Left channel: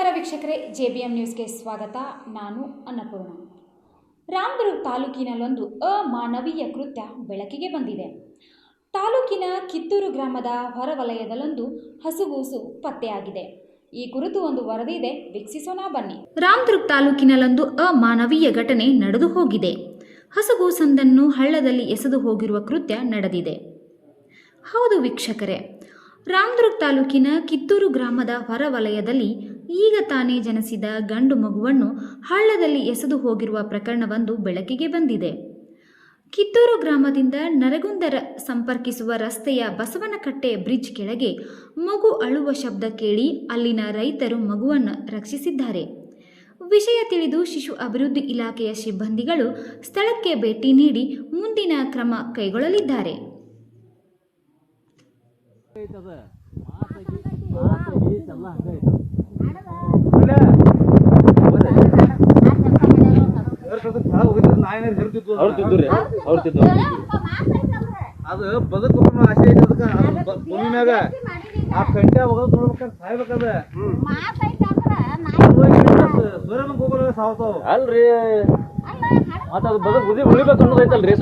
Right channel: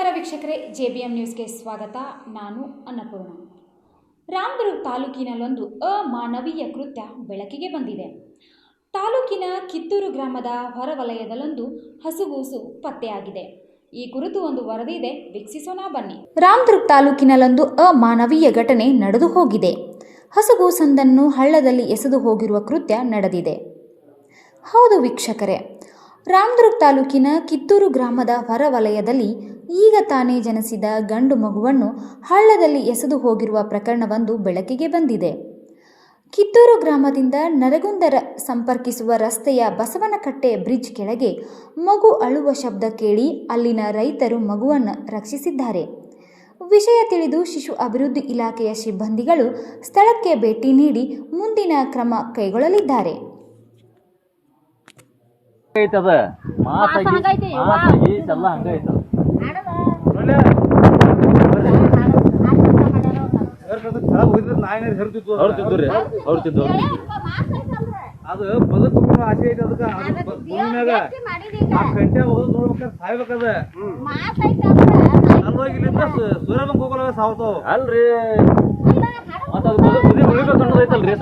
ನಮಸ್ಕಾರ ವೀಕ್ಷಕರೇ, JBM ನ್ಯೂಸ್ಗೆ ಸ್ವಾಗತ. ನಾನು ಅನ್ನಪೂರ್ಣ. ರಾಮದುರ್ಗ ತಾಲೂಕಿನಲ್ಲೊಂದು ಅಮಾನವೀಯ ಕೃತ್ಯ ಬೆಳಕಿಗೆ ಬಂದಿದೆ. ತಾಲೂಕಿನ ಕಿತ್ತೂರು ಗ್ರಾಮದ ಹೊರವಲಯದಲ್ಲೊಂದು ಹಸುಗೂಸು ಪತ್ತೆಯಾಗಿದೆ. ಈ ಕುರಿತು ಒಂದು ವರದಿ ಇದೆ, ವೀಕ್ಷಿಸೋಣ ಬನ್ನಿ. ರಾಮದುರ್ಗ ತಾಲೂಕಿನಲ್ಲೊಂದು ಅಮಾನವೀಯ ಘಟನೆ ನಡೆದು ಹೋಗಿದೆ. ಹಸುಗೂಸೊಂದನ್ನು ಹಳ್ಳದಲ್ಲಿ ಎಸೆದು ಹೋಗಿರುವ ಕೃತ್ಯ ನಡೆದಿದೆ. ಹೌದು ವೀಕ್ಷಕರೇ, ರಾಮದುರ್ಗ ತಾಲೂಕಿನ ಕಿತ್ತೂರು ಗ್ರಾಮದ ಹೊರವಲಯದಲ್ಲಿ ಈಗ ತಾನೇ ಜನಿಸಿದ ಗಂಡು ಮಗುವನ್ನು ಹಳ್ಳದಲ್ಲಿ ಎಸೆದು ಹೋಗಿರುವ ಪ್ರಕರಣವೊಂದು ಬೆಳಕಿಗೆ ಬಂದಿದೆ. ಕಿತ್ತೂರು ಗ್ರಾಮದಿಂದ ನರಗುಂದ ಸಂಪರ್ಕಿಸುವ ರಸ್ತೆಯ ಬಸವನಕಟ್ಟೆ ಬ್ರಿಡ್ಜ್ ಕೆಳಗೆ ಮಗು ಅಳುವ ಶಬ್ದ ಕೇಳಿ ಅಲ್ಲಿನ ರೈತರು ಮಗುವನ್ನು ರಕ್ಷಿಸಿದ್ದಾರೆ. ವಿಷಯ ತಿಳಿದು ಶಿಶು ಅಭಿವೃದ್ಧಿ ಇಲಾಖೆಯ ಸಿಬ್ಬಂದಿಗಳು ಸ್ಥಳಕ್ಕೆ ಭೇಟಿ ನೀಡಿ ಮುಂದಿನ ಕ್ರಮ ಕೈಗೊಳ್ಳಲಿದ್ದಾರೆ. ಅದು ಬದುಕು ಆಸೆ ಐತೆ. ಅದಕ್ಕೆ ಭೂಮಿಯಾಗ ಆ ಕಂಟೆ ಹೋಗೋದು ನೋಡ್ಬೇಕಾದ್ರೆ ಸಾಯ್ಬೇಕದ. ಸೂರ್ಯನ ಹೋಗೋಲ್ಲ ಸಾವತಾವ ಅಲ್ರಿ. ಮತ್ತ ಅದು ಬದುಕು ಉಳಿಬೇಕು ಅನ್ನೋದೈತಲ್ರಿ.